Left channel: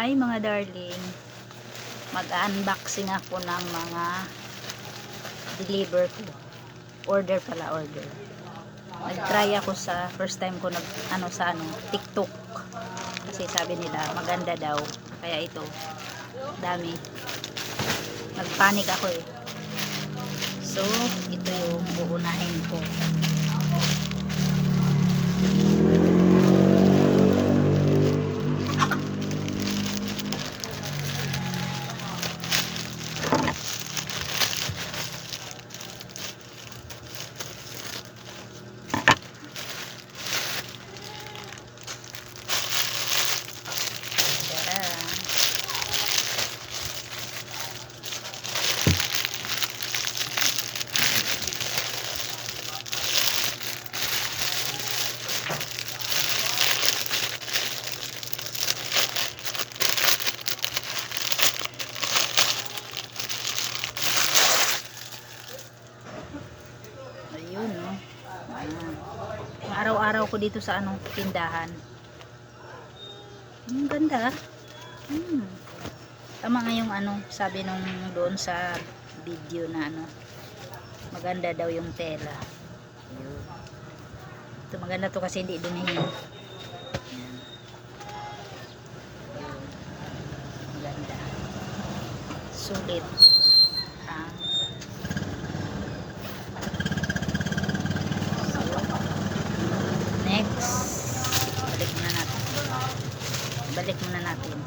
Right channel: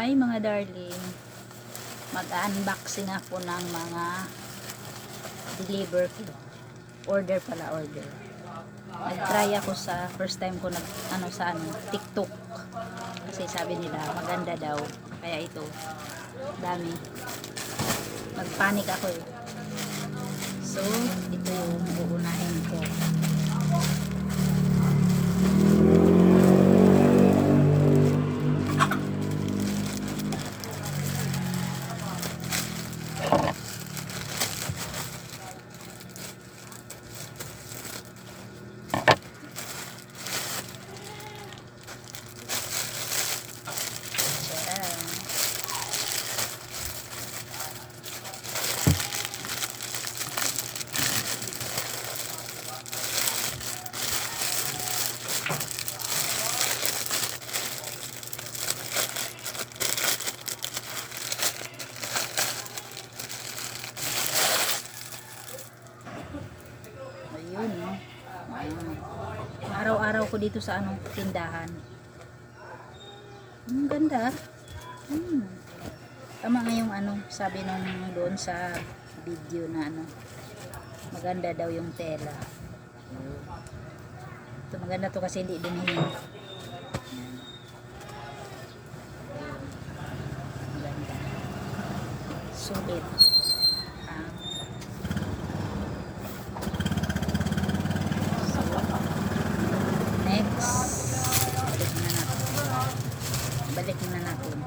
Hi mga darling. Mag-unboxing ako ng mga deliver ko. Order pala, order. Nag-try ako sa first time ko nag ano sa ano, TikTok. Kasi sabi nila maganda daw. Kaya ito, dami. Nagpanik ako eh. So, ito yung uunahin ko. Araw-araw ko dito sa anong tindahan. Ang ganda. Hmm. Tama nga yung ano, sabi nung doon sa video na ano, maganda daw yung tela. Ito maganda to kasi hindi. Ayun. Maganda. Sulit. Ah. Next, balik muna natin. Balik muna natin.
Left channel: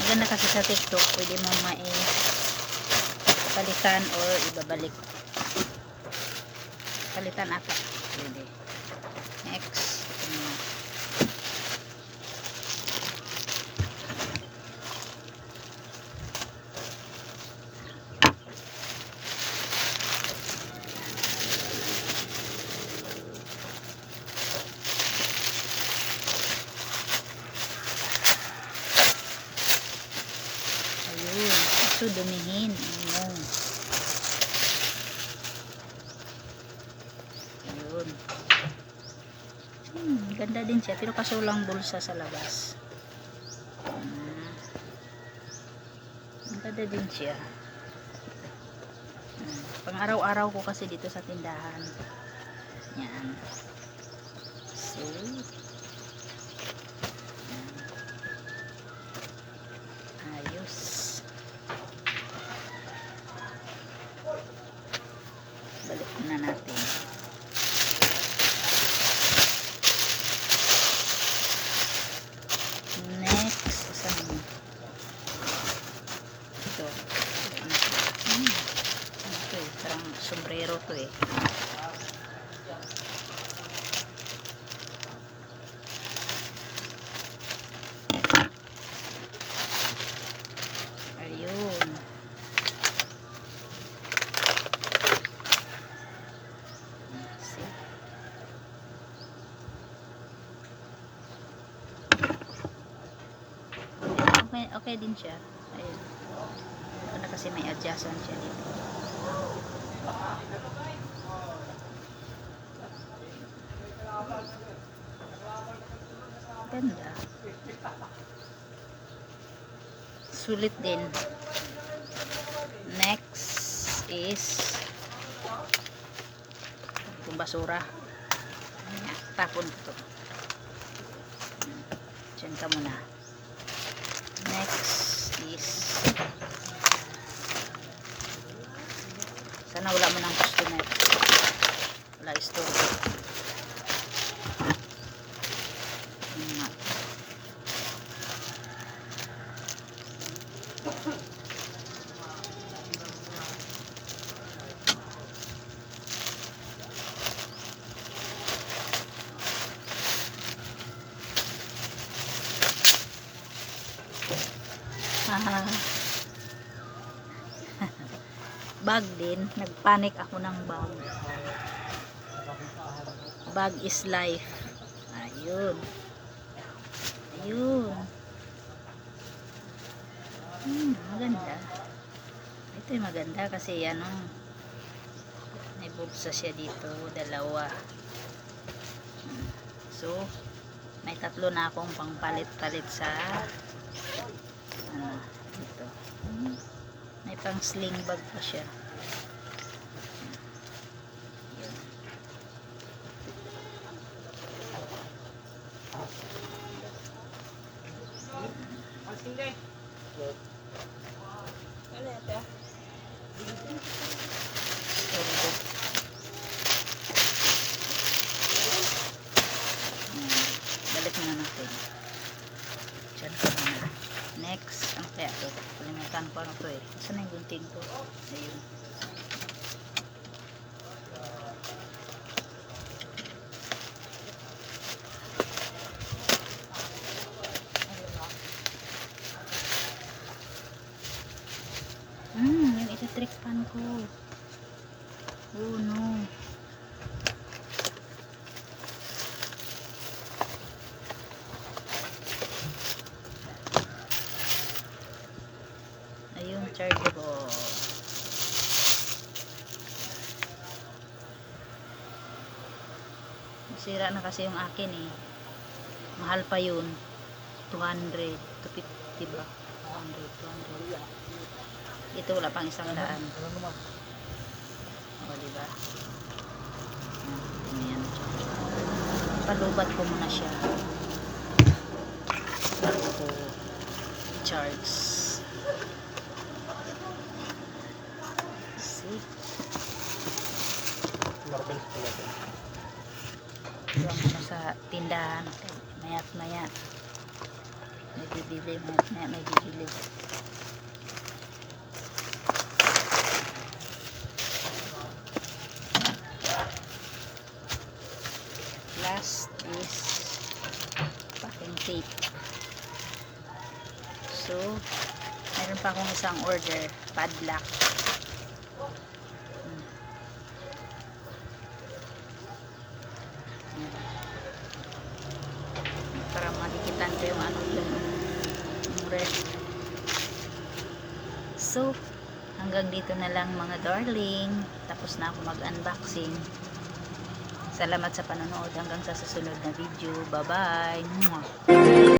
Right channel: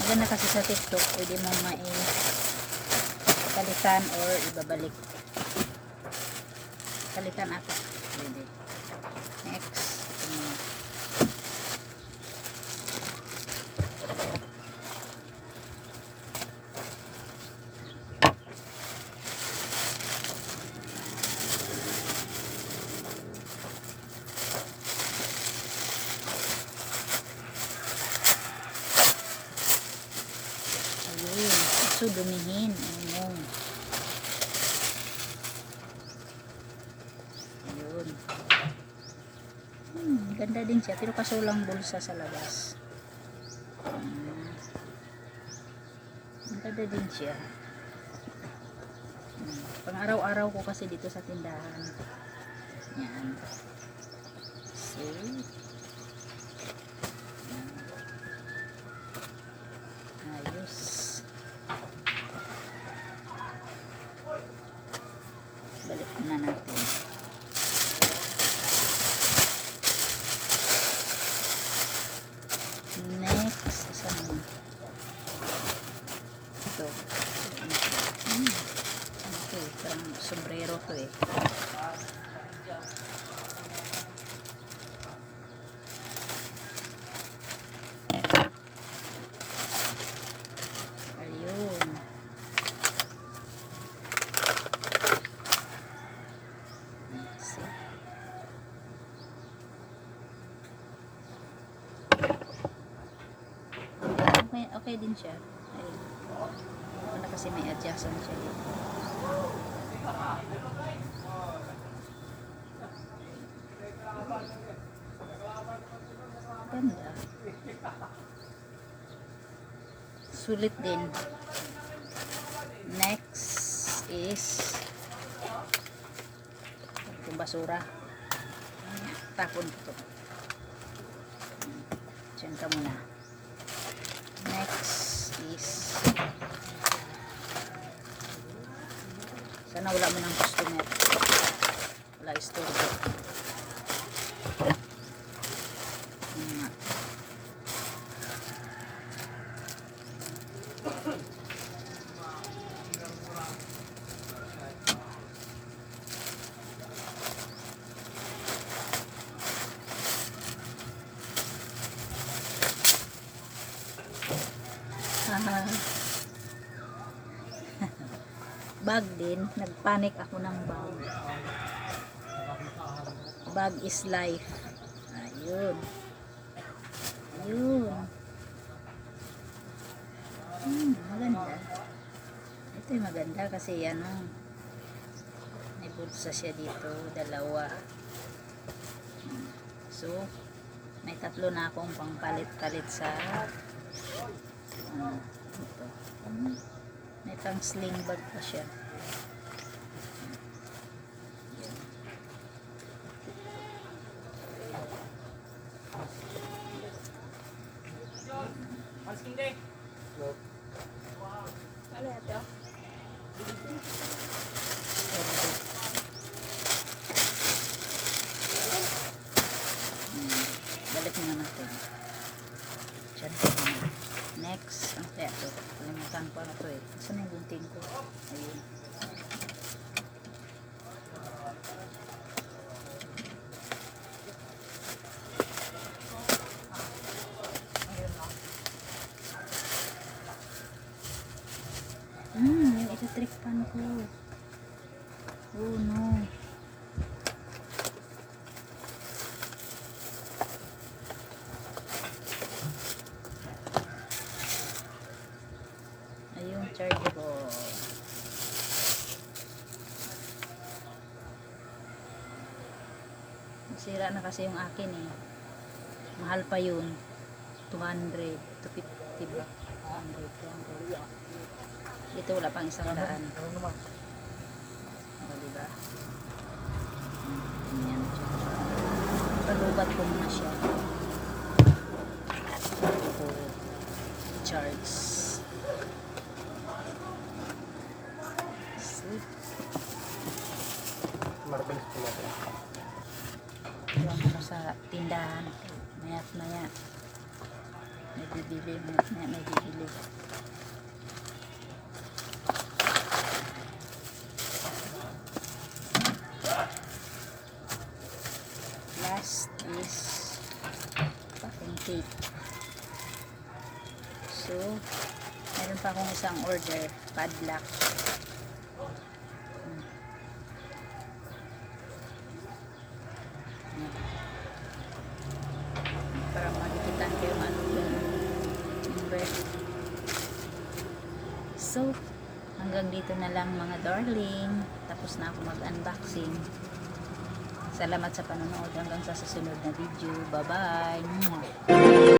Maganda kasi sa TikTok, pwede mo mai palitan or ibabalik. Palitan ata. Pwede. Next. Hmm. Kaso dumihin. Ano. Ayun. Hmm, ganda din siya. Pero kaso lang bulsa sa labas. Ang ganda din siya. Hmm. Pang araw-araw ko kasi dito sa tindahan. Yan. So, Ayos. Balik na natin. Next, isa naman. Ito. Hmm. Ito eh, parang sombrero to eh. Ayun. See? Okay din siya. Ayun. Ano kasi may adjustment siya dito. Ganda. Sulit din. Next is itong basura. Tapon ko to. Diyan ka muna. Next is sana wala mo ng customer. Wala istorbo. Yun nga. Ah. Bag din. Nagpanik ako ng bag. Bag is life. Ayun. Ayun. Hmm, maganda. Ito yung maganda kasi ano, may bulsa siya dito, dalawa. Hmm. So, may tatlo na akong pangpalit-palit sa ano, ito. May pang sling bag pa siya. Balik na natin. Diyan. Next, ang Kalimutan ko ano to eh. Saan yung gunting ko? Ayun. Hmm, yung ito-trick pan ko. Oh no. Ayun, charger ko. Sira na kasi yung akin eh. Mahal pa yun. 200. 250 ba? 200, 200. Ito wala pang isang daan. O, diba? Ayan. Palubat ko muna siya. Bago ko i-charge. Ito ang ano sa tindahan. Mayat maya. May bibili. Mayat maya may bibili. Last is packing tape. So, meron pa akong isang order. Padlock. Para makikitan ko ano red so hanggang dito na lang mga darling. Tapos na ako mag unboxing salamat sa panonood. Hanggang sa susunod na video. Bye bye